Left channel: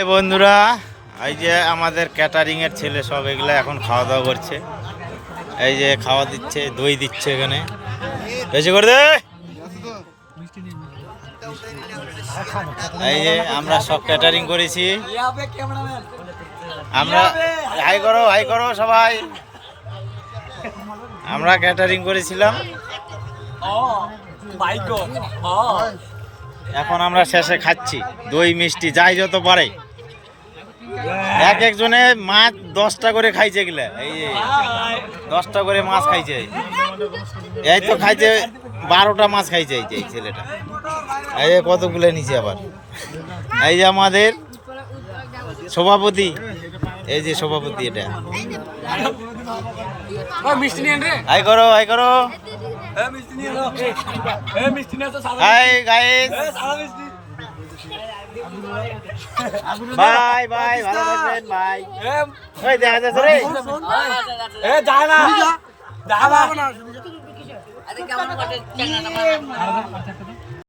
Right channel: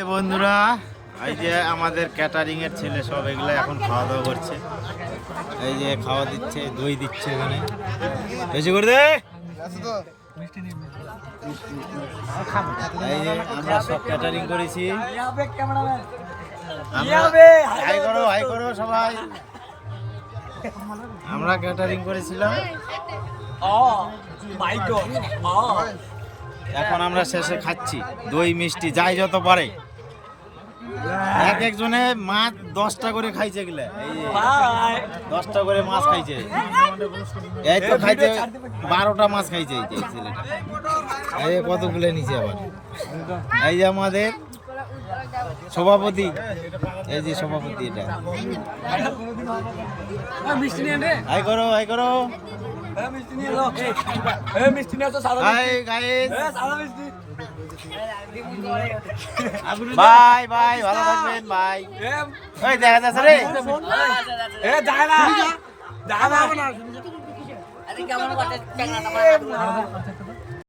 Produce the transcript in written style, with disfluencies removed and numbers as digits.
এই বন্ধুরা, এই যে আমাদের ক্যাটারিং এর ছেলে সব এগুলো এখন খাওয়া দাওয়া করছে। এই যে খাওয়া দিচ্ছে, দই দিচ্ছে এখানে, বেশি করে দে। এই যে আমরা সব ক্যাটারিং করেছি, আমরা হাই করো সবাই। আমরা ক্যাটারিং করেছিলাম, এখন আমরা শেষে খাচ্ছি দই মিষ্টি যাই যত পারে। এক একজনে মাছ 10টা করে খাইছে গেলে, এই যে 10টা করে মাছ খাইছে, এই তো খাইছে 12টা মাছ খাইছে এই যে এই ছেলেটা। এই যে কতগুলো নিচে আবার। এই যে আমাদের সভাপতি, এই যে সভাপতি, এটা হাই করো হাই করো। হাই গাইস, বাই বাই, ভালো থাকবেন ভাই। এই দেখা যাচ্ছে রে, এ যায় না যায় না।